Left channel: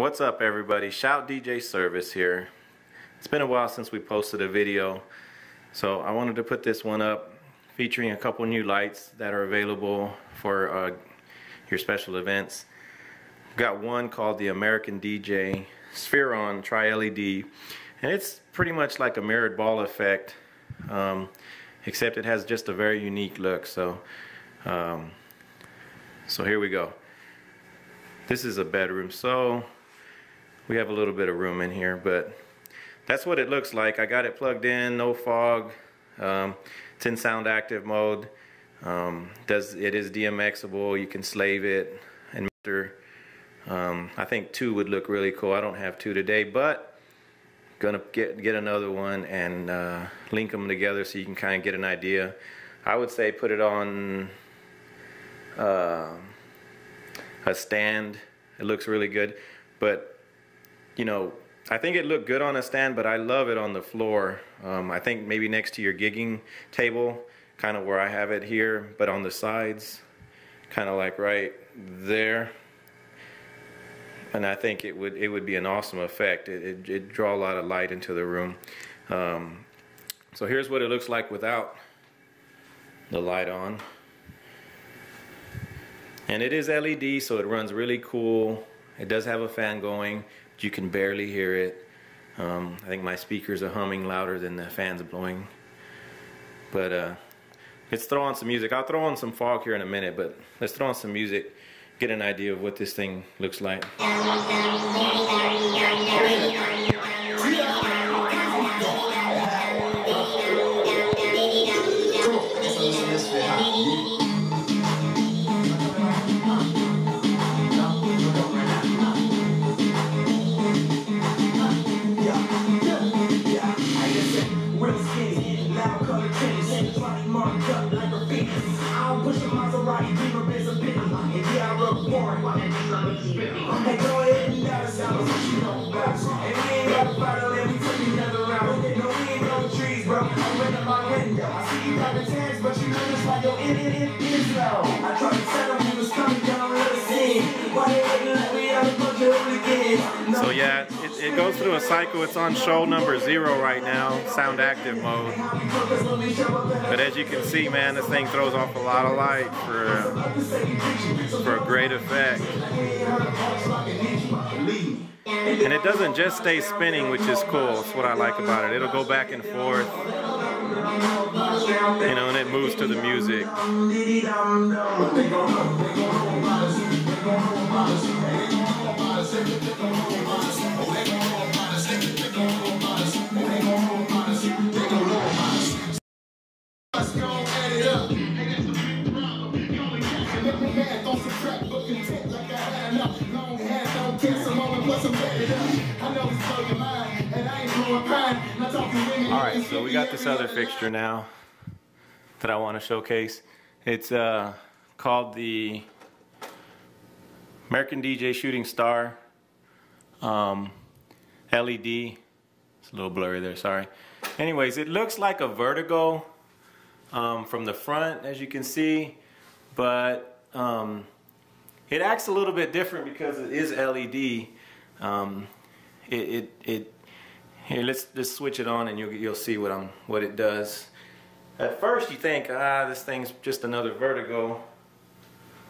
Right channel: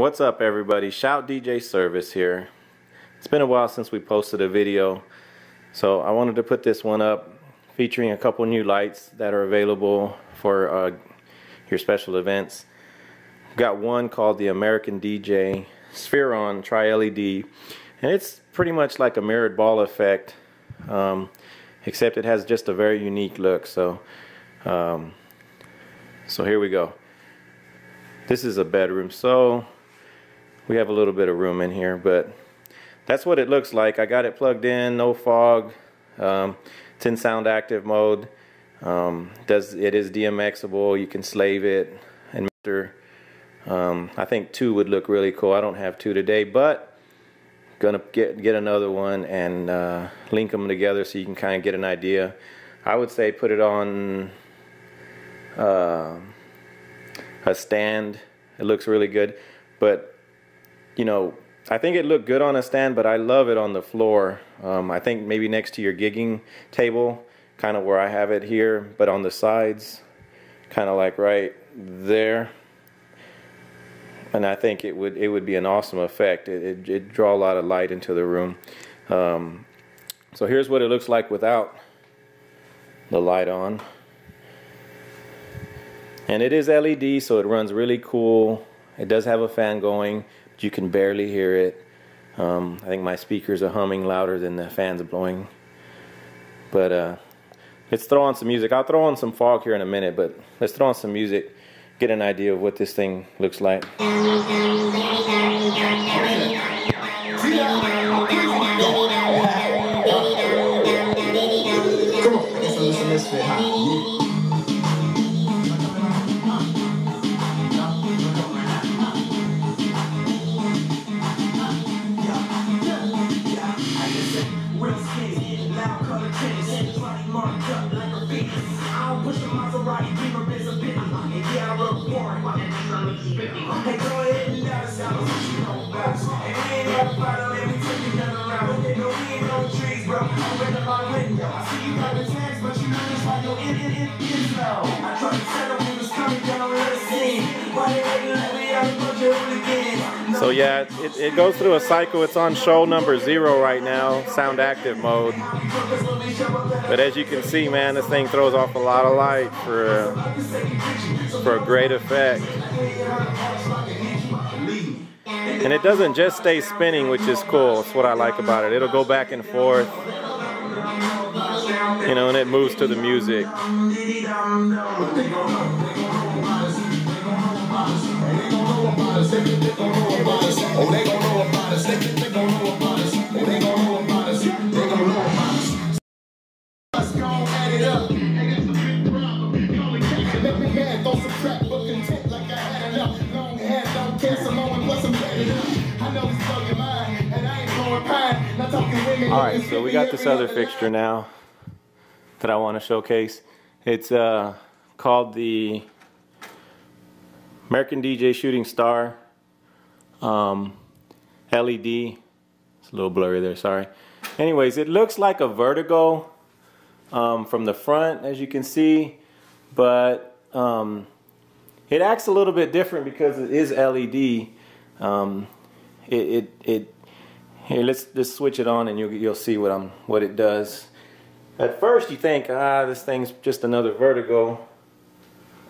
What's up, everybody? Shout DJ Service here. It's been a while since we posted a video, so I wanted to put this one up featuring a couple new lights that are available for your special events. Got one called the American DJ Spheron Tri-LED, and it's pretty much like a mirrored ball effect, except it has just a very unique look. So here we go. This is a bedroom, so we have a little bit of room in here, but that's what it looks like. I got it plugged in, no fog. It's in sound active mode. It is DMXable. You can slave it and mixer. I think 2 would look really cool. I don't have 2 today, but gonna get another one and link them together so you can kind of get an idea. I would say put it on a stand. It looks really good, but you know, I think it looked good on a stand, but I love it on the floor. I think maybe next to your gigging table, kind of where I have it here, but on the sides, kind of like right there. And I think it would be an awesome effect. It'd draw a lot of light into the room. So here's what it looks like without the light on. And it is LED, so it runs really cool. It does have a fan going, but you can barely hear it. I think my speakers are humming louder than the fans blowing. But let's throw on some music. I'll throw on some fog here in a minute, but let's throw on some music, get an idea of what this thing looks like. So yeah, it goes through a cycle. It's on show number 0 right now, sound active mode. But as you can see, man, this thing throws off a lot of light for a great effect. And it doesn't just stay spinning, which is cool. That's what I like about it. It'll go back and forth, you know, and it moves to the music. Alright, so we got this other fixture now that I want to showcase. It's called the American DJ Shooting Star LED. It's a little blurry there, sorry. Anyways, it looks like a Vertigo from the front, as you can see, but it acts a little bit different because it is LED. Here, let's switch it on and you'll see what it does. At first you think, this thing's just another Vertigo.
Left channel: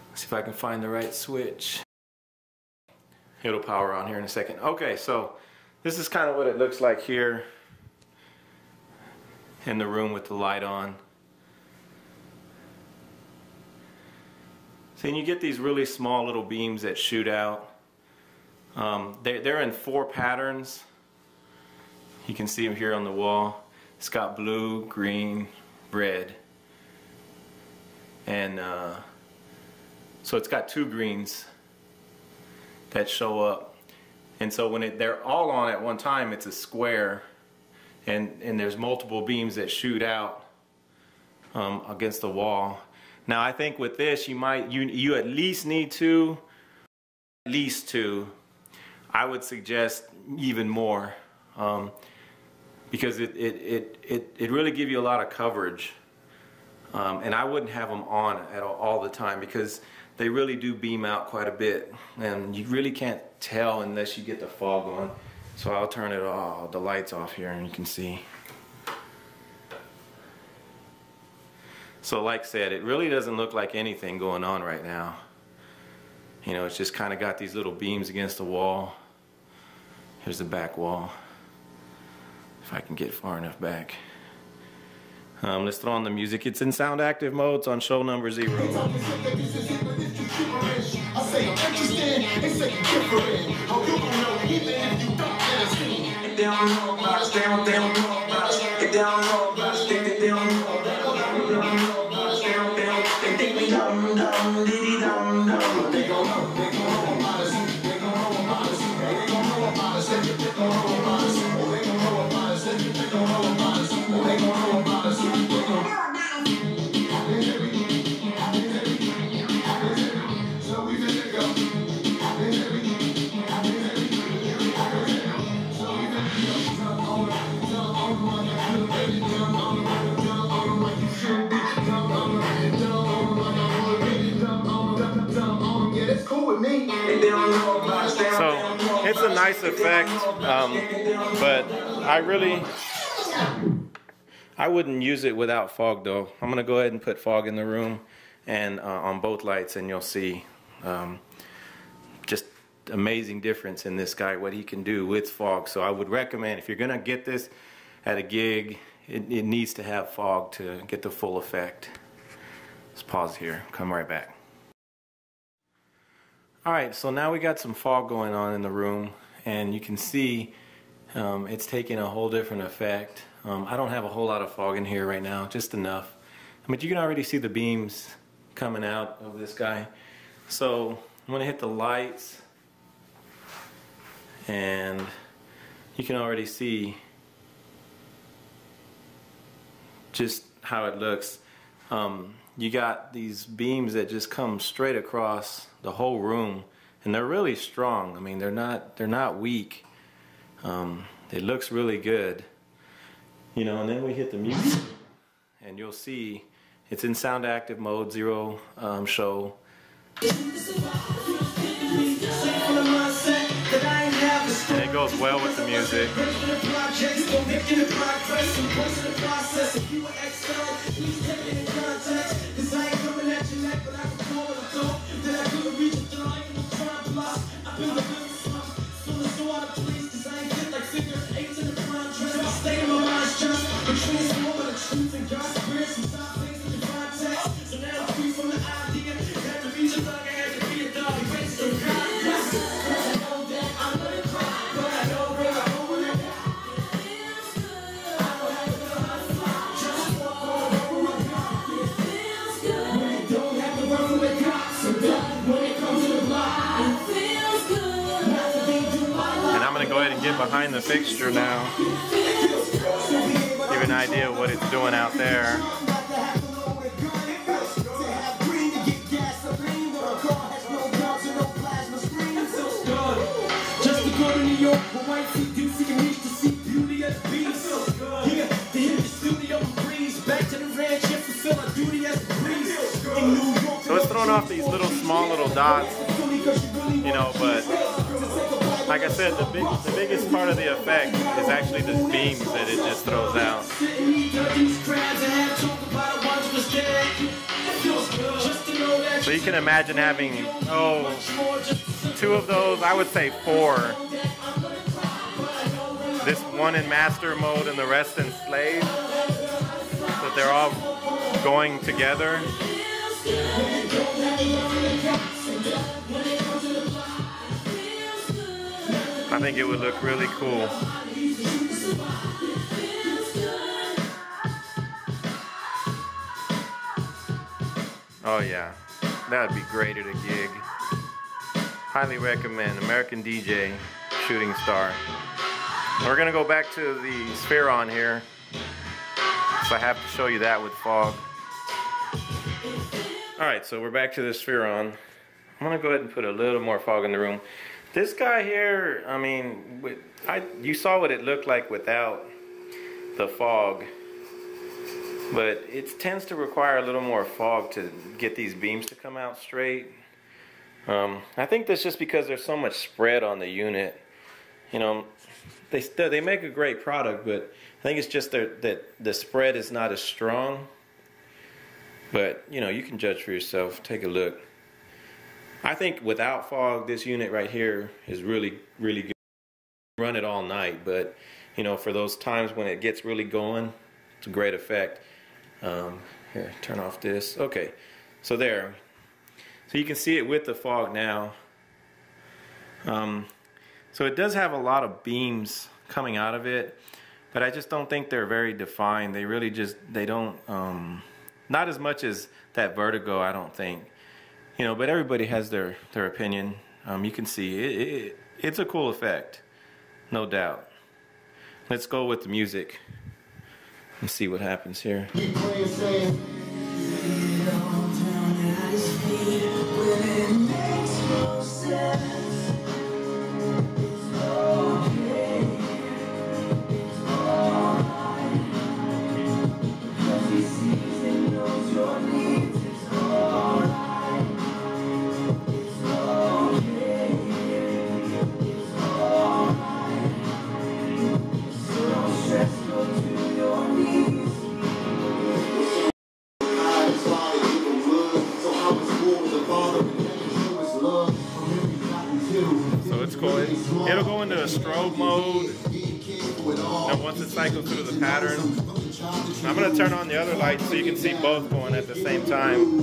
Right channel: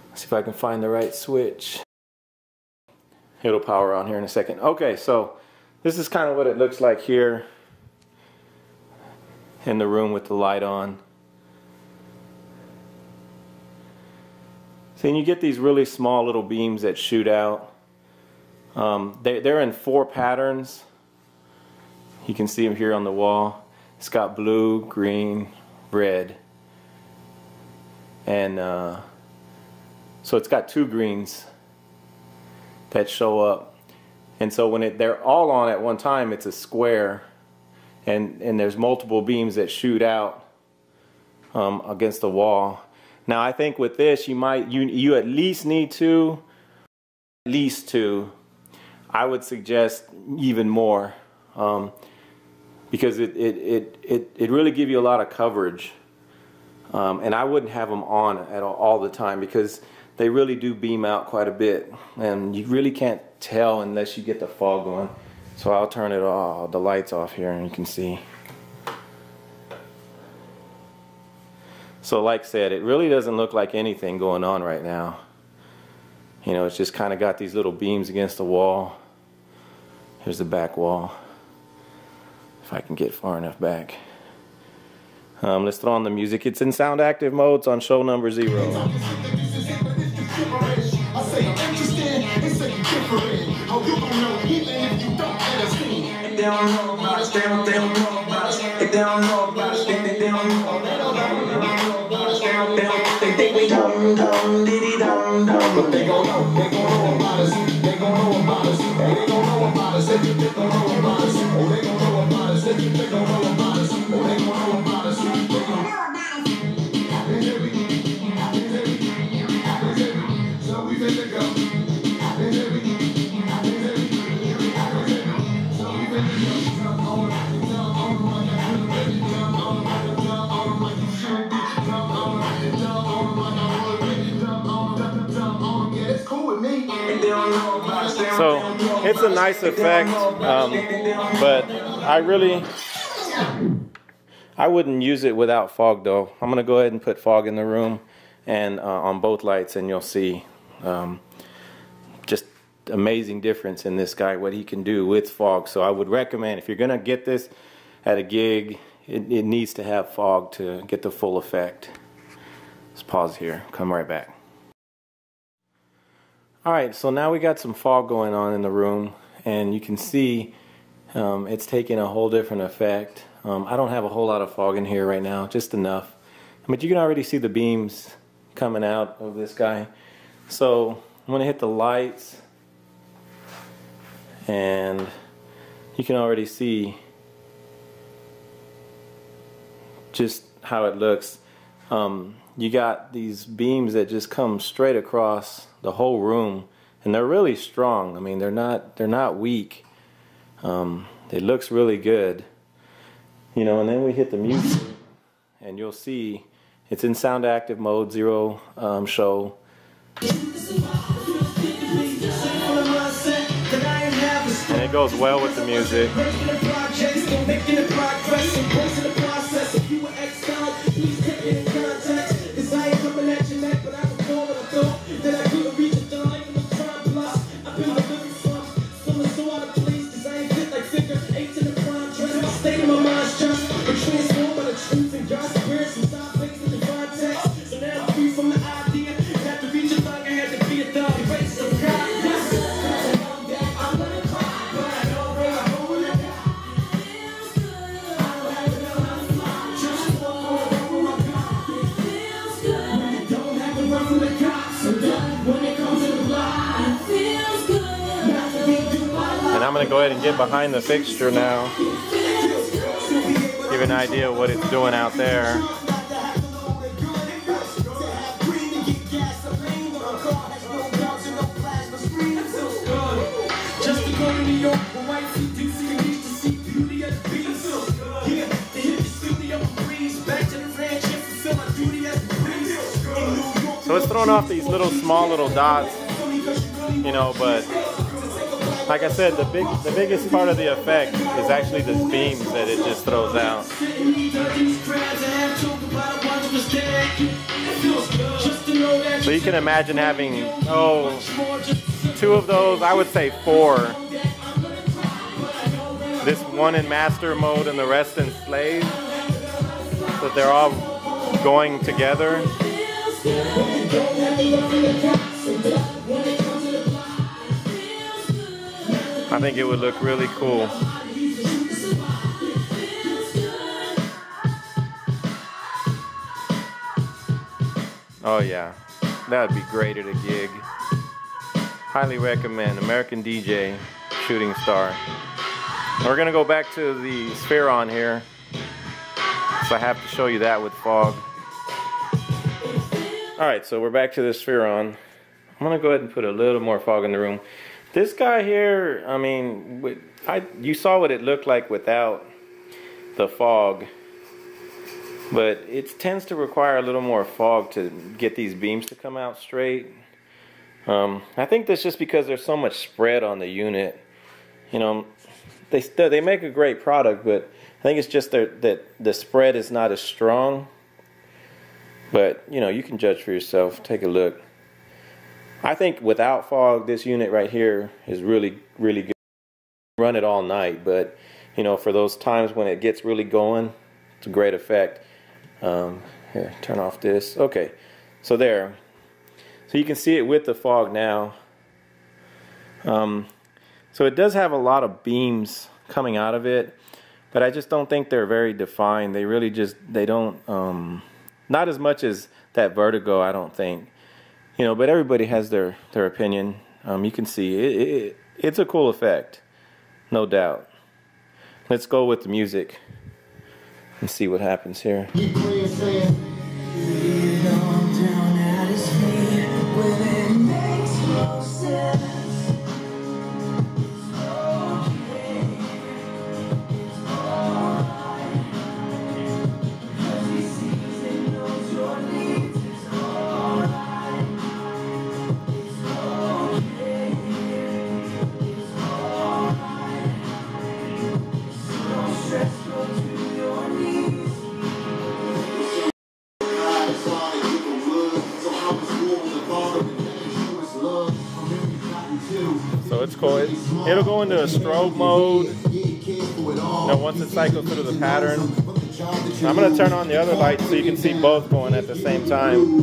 Let's see if I can find the right switch. It'll power on here in a second. Okay, so this is kind of what it looks like here in the room with the light on. So you get these really small little beams that shoot out. They're in 4 patterns. You can see them here on the wall. It's got blue, green, red, and so it's got 2 greens that show up. And so when they're all on at one time, it's a square, and there's multiple beams that shoot out against the wall. Now I think with this you at least need 2. At least 2. I would suggest even more. Because it really gives you a lot of coverage, and I wouldn't have them on at all the time, because they really do beam out quite a bit, and you really can't tell unless you get the fog on. So I'll turn it all, the lights off here, and you can see. So like I said, it really doesn't look like anything going on right now. You know, it's just kind of got these little beams against the wall. Here's the back wall. If I can get far enough back. Let's throw on the music. It's in sound active mode. It's on show number 0. So it's a nice effect, but I wouldn't use it without fog though. I'm gonna go ahead and put fog in the room and on both lights, and you'll see just amazing difference in this guy, what he can do with fog. So I would recommend, if you're gonna get this at a gig, it needs to have fog to get the full effect. Let's pause here, come right back. Alright, so now we got some fog going on in the room, and you can see it's taking a whole different effect. I don't have a whole lot of fog in here right now, just enough. But you can already see the beams coming out of this guy. So I'm going to hit the lights, and you can already see just how it looks. You got these beams that just come straight across the whole room, and they're really strong. I mean, they're not weak. It looks really good, you know. And then we hit the music, and you'll see it's in sound active mode 0 show. And it goes well with the music. Go ahead and get behind the fixture now. Give an idea of what it's doing out there. So it's throwing off these small little dots, you know, but like I said, the biggest part of the effect is actually the beams that it just throws out. So you can imagine having, 2 of those, I would say 4. This one in master mode and the rest in slave. So they're all going together. I think it would look really cool. Oh yeah, that would be great at a gig. Highly recommend. American DJ, Shooting Star. We're gonna go back to the Spheron here, so I have to show you that with fog. Alright, so we're back to the Spheron. I'm gonna go ahead and put a little more fog in the room. This guy here, I mean, you saw what it looked like without the fog. but it tends to require a little more fog to get these beams to come out straight. I think that's just because there's so much spread on the unit. You know, they make a great product, but I think it's just that the spread is not as strong. But, you know, you can judge for yourself. Take a look. I think without fog, this unit right here is really, really good. Run it all night, but, you know, for those times when it gets really going, it's a great effect. Here, turn off this. Okay, so there. So you can see it with the fog now. So it does have a lot of beams coming out of it, but I just don't think they're very defined. They really just, they don't, not as much as that Vertigo, I don't think. You know, but everybody has their opinion. You can see it's a cool effect, no doubt. Let's go with the music and see what happens here. So it's cool. It'll go into a strobe mode, you know, once it cycles through the pattern. I'm going to turn on the other light so you can see both going at the same time.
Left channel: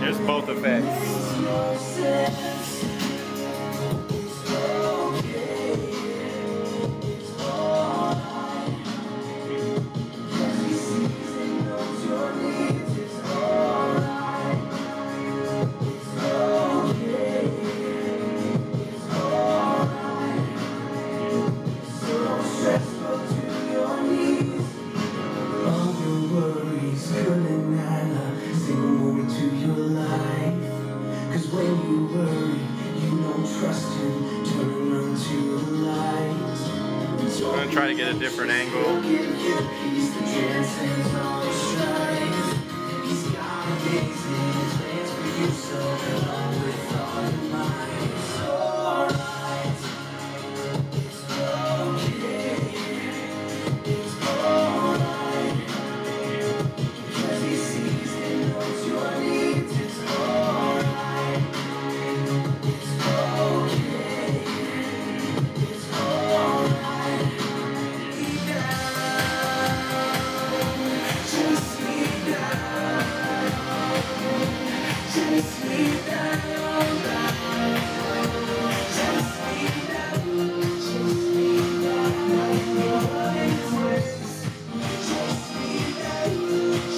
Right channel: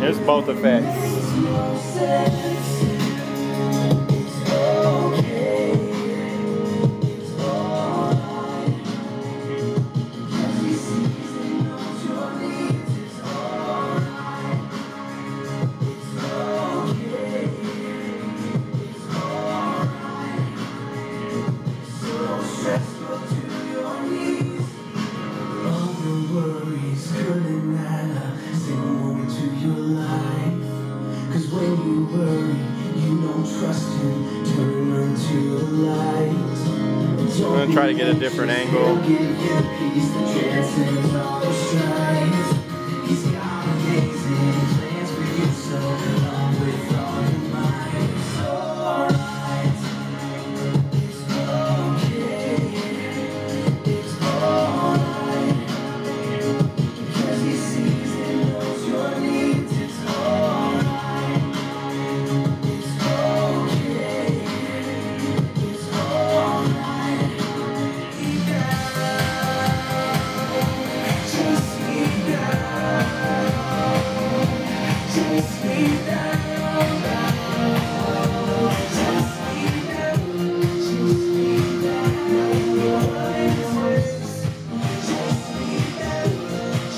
There's both effects. I'm going to try to get a different angle.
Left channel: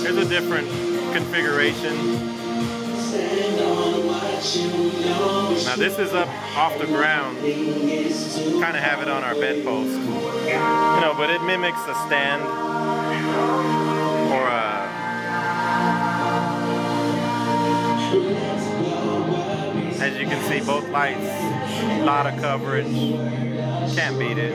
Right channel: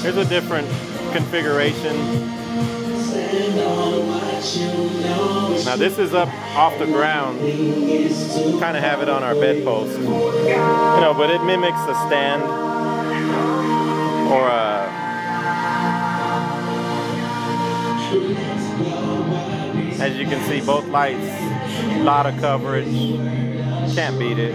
Here's a different configuration. Now this is up off the ground. Kind of have it on our bedpost, you know, but it mimics the stand or as you can see, both lights, a lot of coverage. Can't beat it.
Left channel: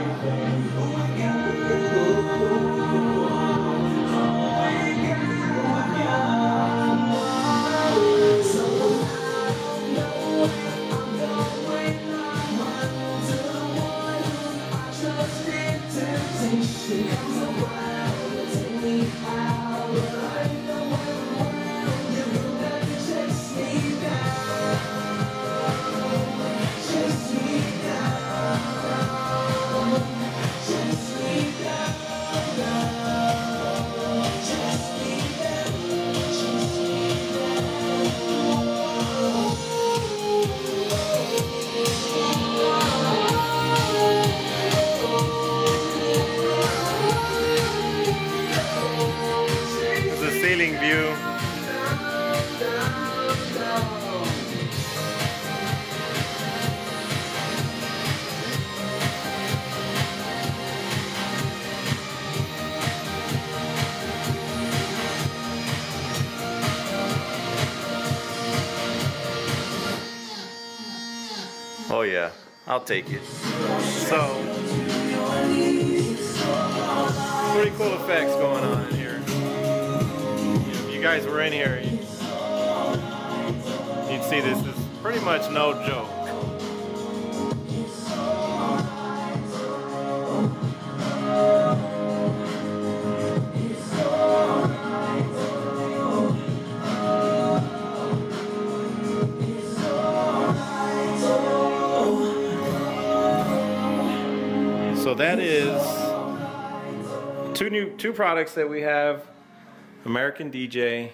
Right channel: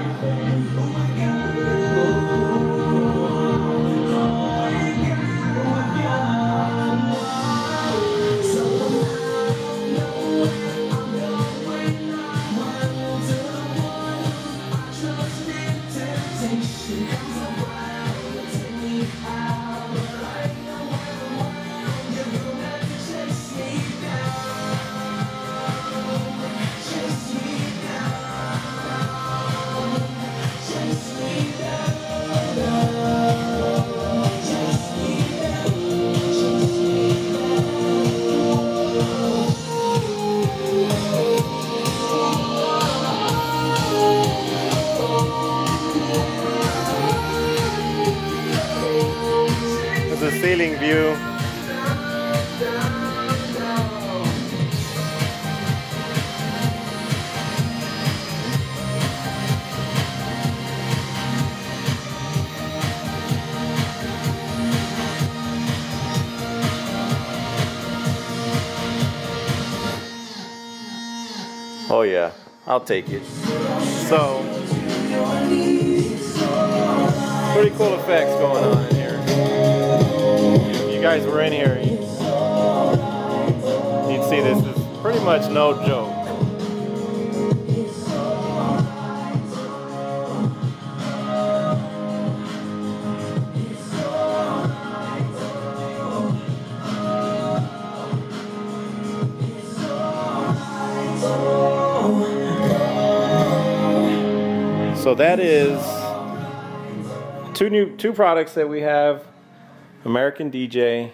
Oh yeah, I'll take it. So, pretty cool effects going on in here. If you guys were in here, you'd see this is pretty much no joke. So that is two products that we have: American DJ,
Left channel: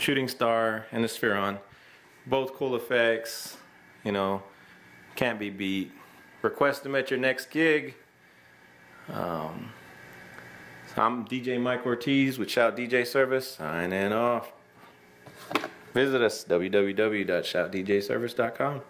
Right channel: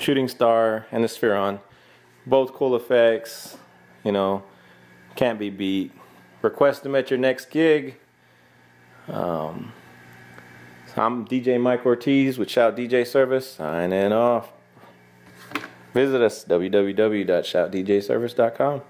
Shooting Star, and the Spheron. Both cool effects, you know, can't be beat. Request them at your next gig. So I'm DJ Mike Ortiz with Shout DJ Service, signing off. Visit us, www.shoutdjservice.com.